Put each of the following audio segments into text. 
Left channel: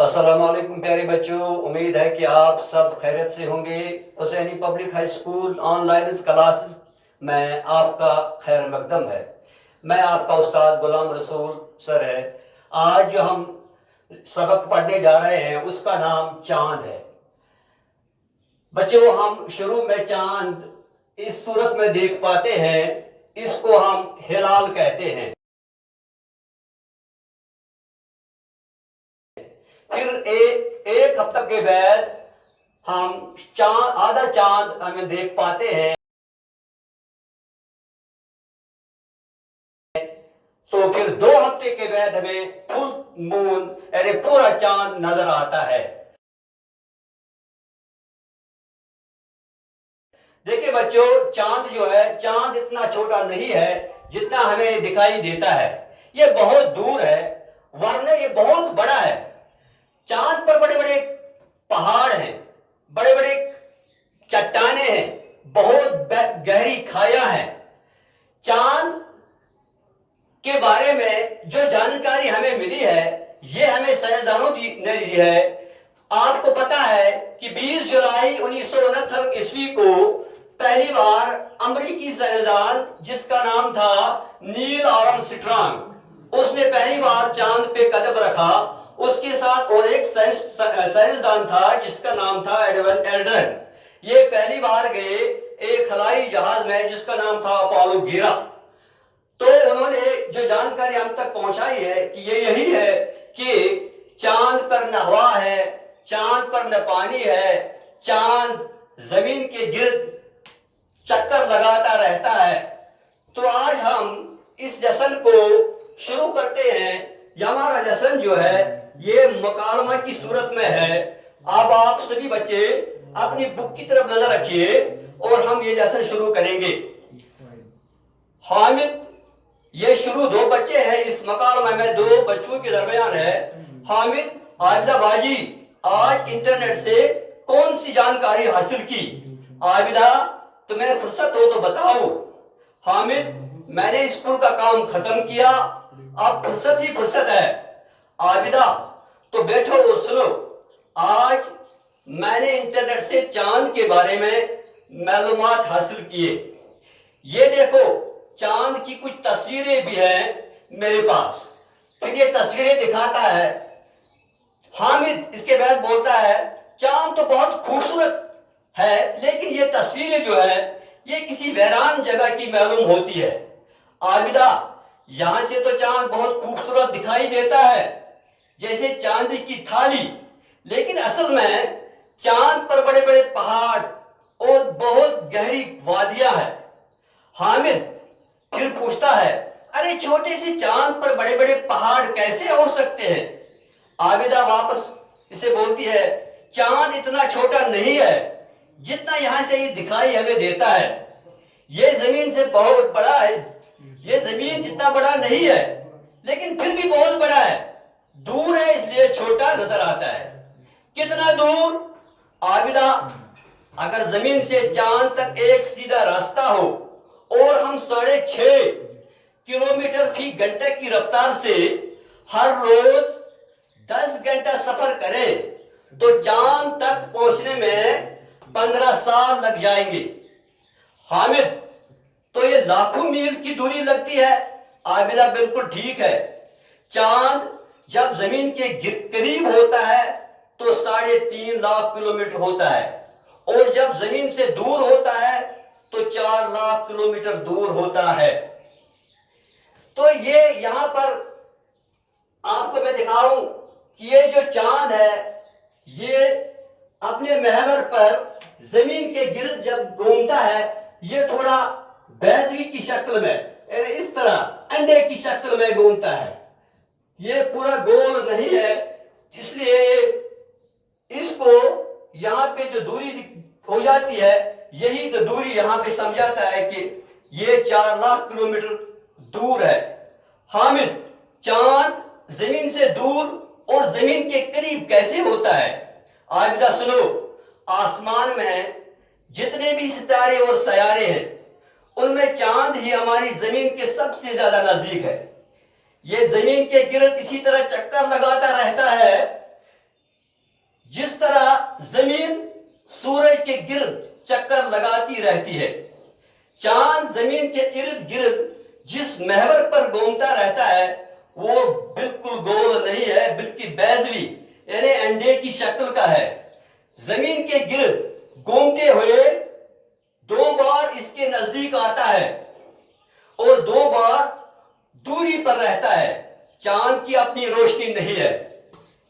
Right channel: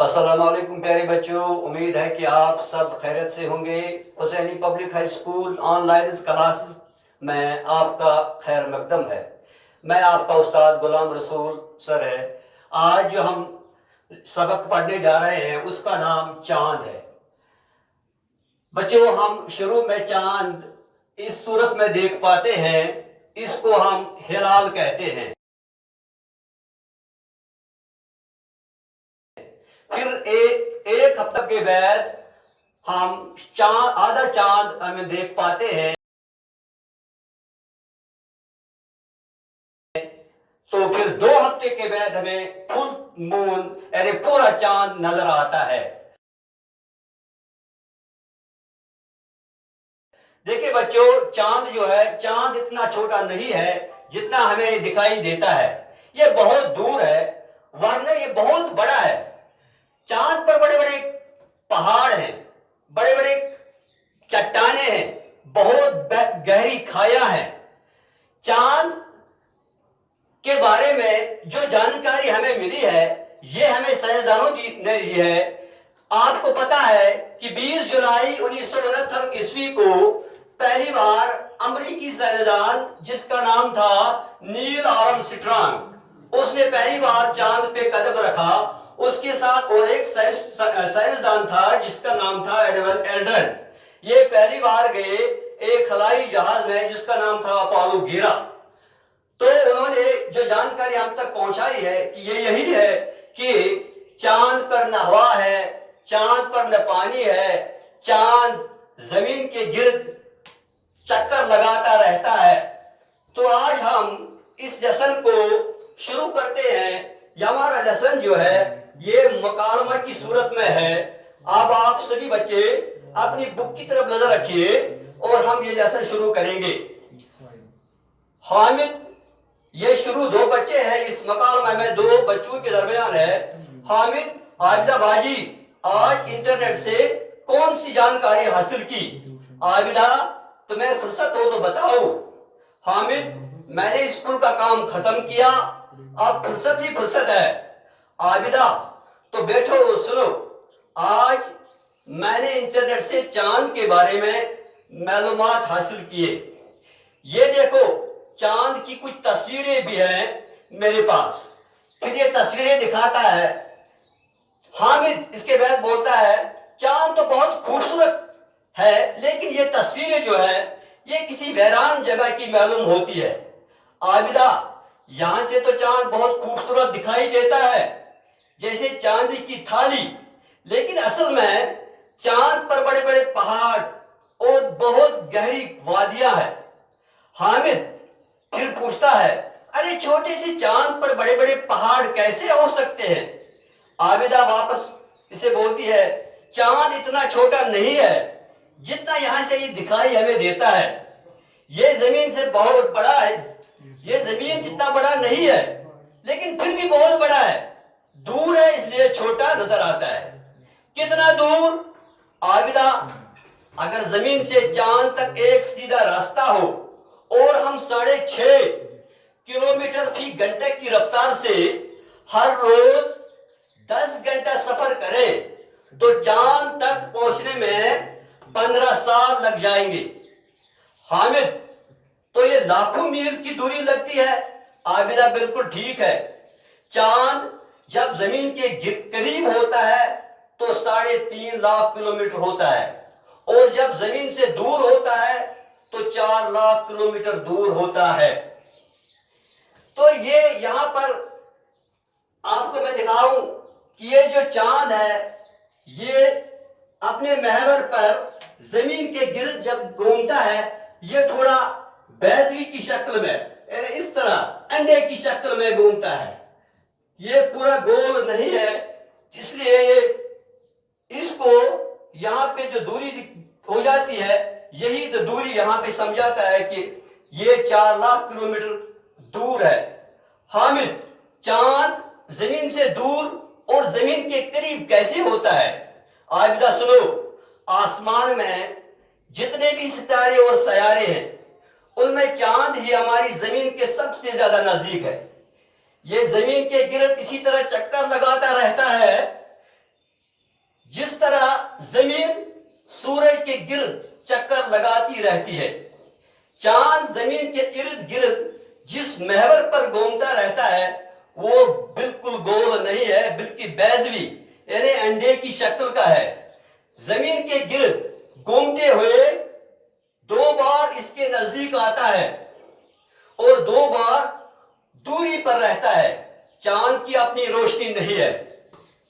अस्सलाम वालेकुम प्यारे बच्चों, उम्मीद है कि आप सब खैरियत से होंगे। Hussaini public high school online classes में आपका खैर मकदम है। मैं आपका उस्ताद गुलाम रसूल सर है। आज जो हम सबक पढ़ने जा रहे हैं उसका नाम चांद है। बच्चों, हम शुरू में चांद इस सूरत में देख पाते हैं, इसको हम हिलाल कहते हैं। फिर एक हफ्ते के बाद हम आधा चांद हमें देख पाते हैं। तो फिर 2 हफ्ते के बाद हमें फुल मून यानी पूरा चांद नजर आता है। देखिए बच्चों, चांद जो है, चांद इतना छोटा नहीं है जितना हमें दिखाई देता है। ये बहुत दूर है, वरना ये बहुत बड़ा है। चांद पर बड़े बड़े पहाड़ हैं, बड़े बड़े चट्टाने हैं, बहुत गहरी खाया है। चांद के बारे में जो जानकारी हमें मिली है, ये हमें साइंसदानों ने दी है। आपको पता है कि 20 जुलाई 1969 ईस्वी को पहली बार अमेरिकी साइंसदान जिसका नाम था नील आर्मस्ट्रांग, उसने पहली बार चांद पे कदम रखा। उसके साथ और एक साइंसदान था जिसका नाम था एडविन एल्ड्रिन। ये पहली बार गए एक खलाई जहाज में जिसका नाम था अपोलो 11। तो उन्होंने जो जानकारी हम तक पहुंचाई है कि ये यही है कि चांद पर न हवा है, चांद पर न पानी है, चांद जमीन के गिर्द चक्कर लगाता रहता है। तो आज हम इस लेसन को शुरू करते हैं। ये हमारा लेसन जो है ये मुकालमा की सूरत में है। अब आप सभी बच्चे अपनी बुक की तरफ नजर रखिए और हम ये लेसन शुरू करेंगे। हामिद, ये शुरू 2 बच्चे हैं, इस मकालमा में 2 बच्चों के दरमियान है। हामिद, आबिदा बाजी, आज इंटरनेट से कौन सी जानकारी हासिल की? आबिदा, तुम्हें फुर्सत हो तो बताओ। हामिद, मैंने स्कूल का काम खत्म किया, अब फुर्सत ही फुर्सत है। आबिदा, तो बैठो और सुनो। आज मैंने इंटरनेट से चांद के बारे में मालूमात हासिल किए। ये देखो, चांद की कुछ तस्वीरें भी हैं मेरे पास। फिर ये तस्वीरें दिखाता है। हामिद इसके बाद बोलता है, चांद तो बहुत खूबसूरत है, लेकिन ये तस्वीरें जो है ये किसी वीरान जगह की मालूम होती है। आबिदा, यहां से तो चांद बहुत खूबसूरत दिखाई देता है, जैसे चांदी की थाली, लेकिन असल में चांद पर बड़े बड़े पहाड़ और बहुत गहरी वादियां हैं। हामिद फिर पूछता है, अरे छोटे से चांद पर बड़े बड़े पहाड़ कैसे हो सकते हैं? आबिदा वापस इसे बोलती है, चांद इतना छोटा नहीं है जितना यहां से ये दिखाई हमें देता है। ये जमीन से बहुत बड़ा है। ये जमीन जितना बड़ा नहीं है, लेकिन फिर भी बहुत बड़ा है। दूर है इसलिए छोटा नजर आता है। कितना दूर? आबिदा, अगर जमीन से चांद तक एक सीधा रास्ता हो और हम 6.5 किलोमीटर फी घंटे की रफ्तार से हर रोज 10 घंटा सफर करें तो चांद तक पहुंचने में 15 साल लग जाएंगे। हामिद, तो ये लाखों मील की दूरी लगती है। आबिदा, बिल्कुल ठीक है। चांद जब जमीन के करीब होता है तो 3.5 लाख किलोमीटर होता है, और जब जमीन से दूर होता है तो 4 लाख किलोमीटर दूर होता है। तो ये यहां पर आपको मैं दिखाऊं कि ये जो चांद है ये अपने महवर पर जमीन के गिर्द जब घूमता है, ये थोड़ा बैजवी की शक्ल में, इस तरह अंडे की शक्ल में घूमता है। ये पूरा गोल नहीं है, इसलिए इसको यहां पे जो दूरी हो जाती है, यही तो दूरी यहां पे समझाता है कि ये 4 लाख किलोमीटर दूर है। हामिद, चांद जमीन से दूर और जमीन के करीब कैसे होता है? आबिदा सुनो, आसमान में जितने भी सितारे और सयारे हैं उनमें चांद ही हमारी जमीन के सबसे ज्यादा नजदीक है। ये जमीन के गिर्द इसी तरह चक्कर लगाता रहता है जिस तरह जमीन सूरज के गिर्द चक्कर लगाती रहती है, चांद जमीन के इर्द गिर्द जिस महवर पर घूमता रहता है वो बिल्कुल गोल नहीं है, बल्कि बैजवी यानी अंडे की शक्ल का है। जमीन के गिर्द घूमते हुए 2 बार इसके नजदीक आता है और 2 बार दूरी पर रहता है। चांद की अपनी रोशनी नहीं है,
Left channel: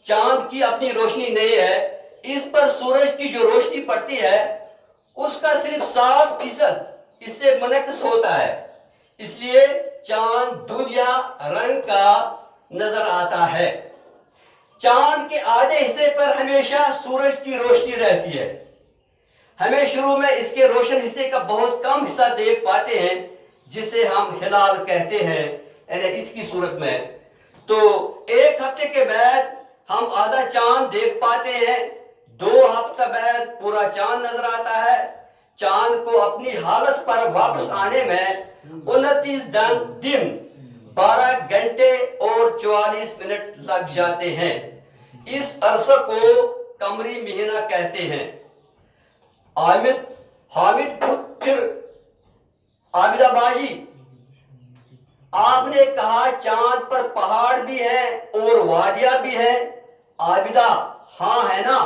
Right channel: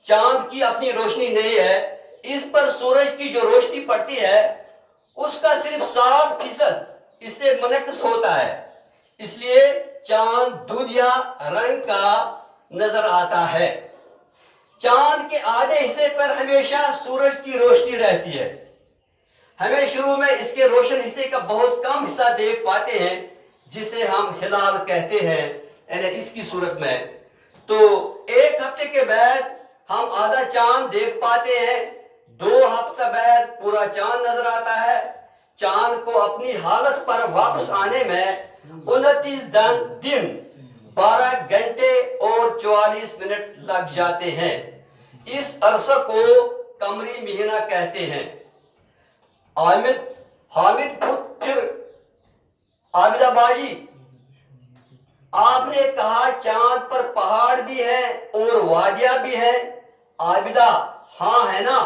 चांद की अपनी रोशनी नहीं है, इस पर सूरज की जो रोशनी पड़ती है उसका सिर्फ 60% इससे मुनक्किस होता है, इसलिए चांद दूधिया रंग का नजर आता है। चांद के आधे हिस्से पर हमेशा सूरज की रोशनी रहती है। हमें शुरू में इसके रोशन हिस्से का बहुत कम हिस्सा देख पाते हैं जिसे हम हिलाल कहते हैं, यानी इसकी सूरत में। तो 1 हफ्ते के बाद हम आधा चांद देख पाते हैं, 2 हफ्ते बाद पूरा चांद नजर आता है। चांद को अपनी हालत पर वापस आने में 29 दिन 12 घंटे और 44 मिनट लग जाते हैं। इस अरसे को कमरी महीना कहते हैं। हामिद फिर आबिदा बाजी, आपने कहा चांद पर पहाड़ भी है और वादियां भी है। आबिदा, हाँ है ना,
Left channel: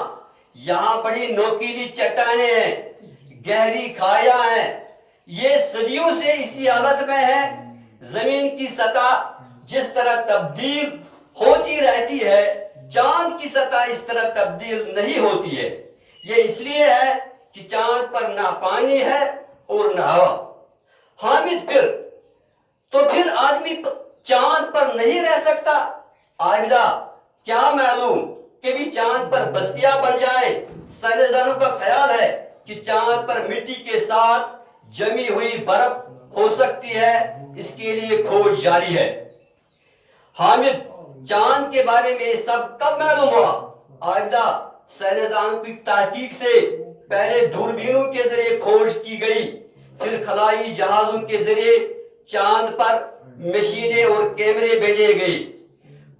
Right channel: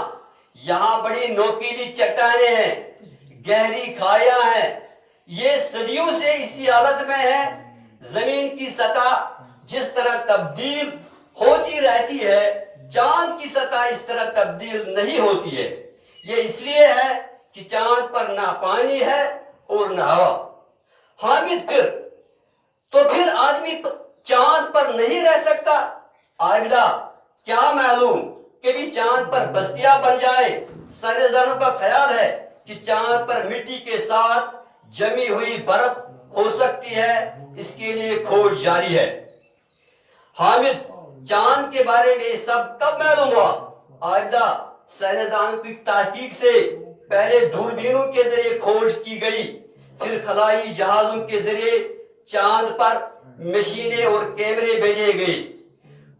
यहाँ बड़ी नोकीली चट्टानें हैं, गहरी खाइयां हैं। ये सदियों से इसी हालत में है। जमीन की सतह जिस तरह तब्दील होती रहती है, चांद की सतह इस तरह तब्दील नहीं होती है। ये इसलिए है कि चांद पर ना पानी है और ना हवा। हामिद फिर आदमी चांद पर नहीं रह सकता। आबिदा, क्या मालूम कि भी चांद पर बस्तियां बन जाए। साइंसदानों का ख्याल है कि चांद पर मिट्टी के साथ जमी हुई बर्फ हो सकती है, इसके लिए खोज जारी है। हामिद, चांद के बारे में सब कब मालूम हुआ? आबिदा, साइंसदानों की तहकीक से पहले दूरबीनों के जरिए खोज की गई, फिर खलाई जहाजों के जरिए चांद पर मशीनें और कैमरे भेजे गए।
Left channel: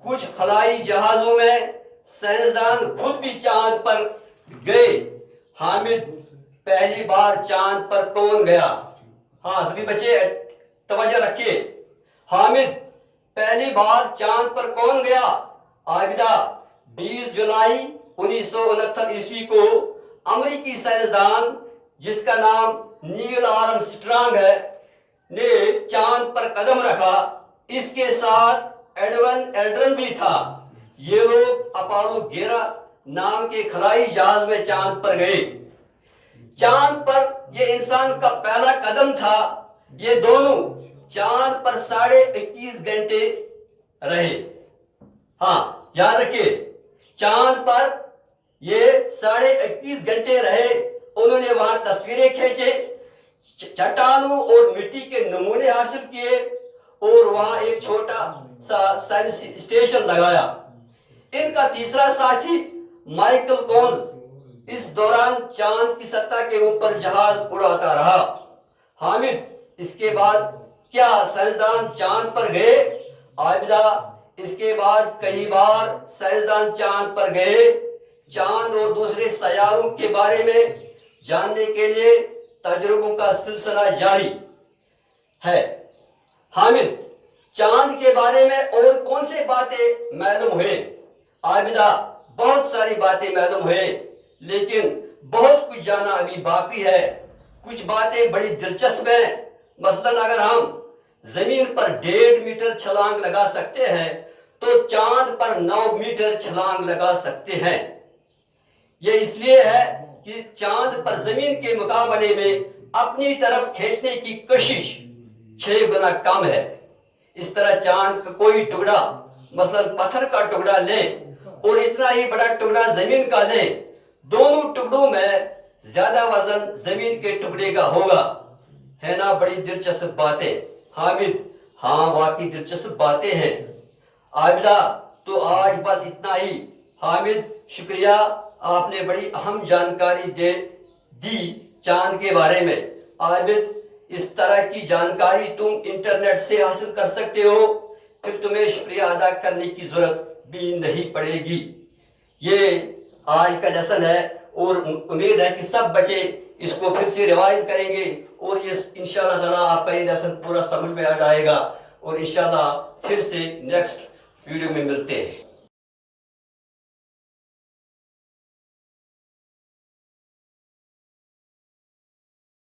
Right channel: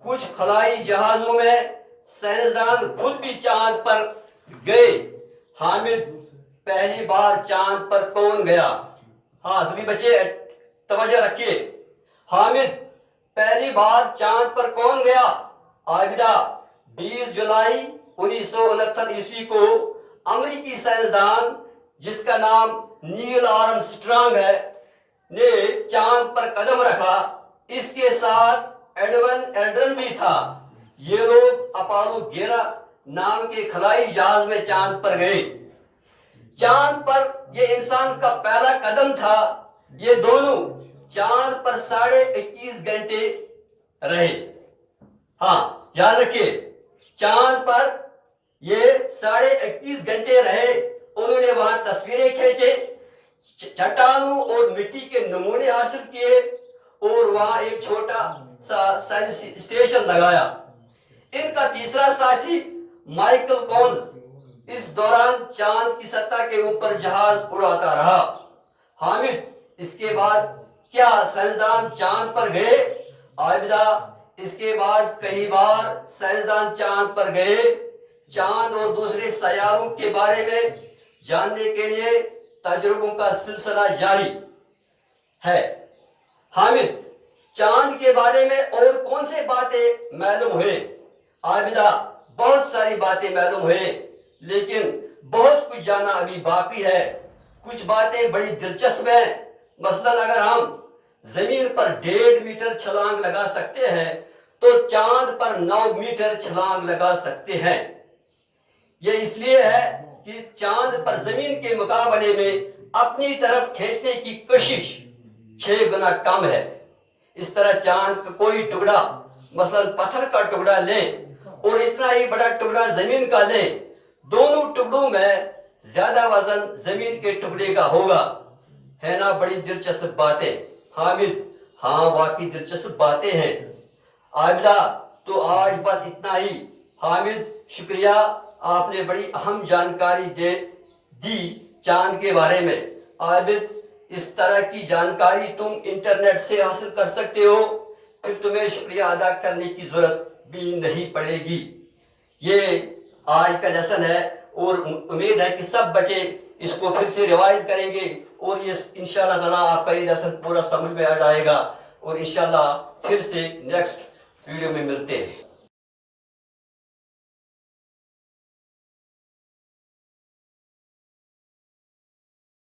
कुछ खलाई जहाजों में साइंसदान खुद भी चांद पर गए। हामिद, पहली बार चांद पर कौन गया? हाँ सभी बच्चे तवज्जो रखिए। हामिद, पहली बार चांद पर कौन गया? आबिदा, 20 जुलाई 1969 ईस्वी को अमेरिकी साइंसदान जिसका नाम नील आर्मस्ट्रांग है ने चांद पर कदम रखा। इसके साथ एडवन एल्ड्रन भी था। ये लोग अपोलो 11 नाम के खलाई जहाज में चांद पर गए। चांद पर ये इंसान का पहला कदम था। ये दोनों चांद पर 21.5 घंटे रहे। हाँ याद रखिए, चांद पर ये 21.5 घंटे रहे। उन्होंने वहां तस्वीरें खींचे, चट्टानों और मिट्टी के नमूने हासिल किए और वहां एक छोटा सा साइंस स्टेशन लगाया। इनका तीसरा साथी माइकल कॉन्स इस दौरान चांद की सतह के ऊपर जहाज उड़ाता रहा। हामिद, इसके बाद क्या साइंसदान चांद पर गए? आबिदा, इसके बाद कई बार साइंसदान चांद पर गए। चांद और दूसरे सयारों के बारे में जानने के लिए तजुर्बों का सिलसिला जारी है। हामिद, चांद के बारे में और कौन से बातें मालूम हुए? आबिदा, बहुत सारी बातें मालूम हुए, लेकिन बहुत कुछ जानना अभी बाकी है। कुछ बातें बड़ी दिलचस्प हैं। मसलन अगर हम जमीन पर 1.5 मीटर छलांग लगा सकते हैं तो चांद पर 9 मीटर छलांग लगा सकते हैं। यह इसलिए है कि चांद पर जमीन के मुकाबले में अपनी तरफ खींचने की कोशिश 6 गुना कम है। इस तरह चांद का कोई टुकड़ा, मसलन पत्थर का टुकड़ा लें और इतना ही बड़ा टुकड़ा जमीन का लें, दोनों टुकड़ों में ज्यादा वजन जमीन के टुकड़े का होगा। है ना बड़ी दिलचस्प बातें? हामिद, हाँ वाकई दिलचस्प बातें हैं। आबिदा, तो आज बस इतना ही। हामिद, शुक्रिया, आपने बड़ी अहम जानकारी दी चांद के बारे में। आबिद, इस तरह की जानकारी तुम इंटरनेट से हासिल कर सकते हो, फिर तुम्हें शुक्रिया अदा करने की जरूरत भी नहीं पड़ेगी। ये آج کا لیسن ہے اور امید ہے کہ سب بچے اس کو پھر سے ریوائز کریں گے اور یہ انشاءاللہ تعالیٰ آپ کا یہ لیسن پورا سمجھ میں آ جائے گا اور انشاءاللہ پھر سے نیکسٹ ویڈیو میں ملتے ہیں.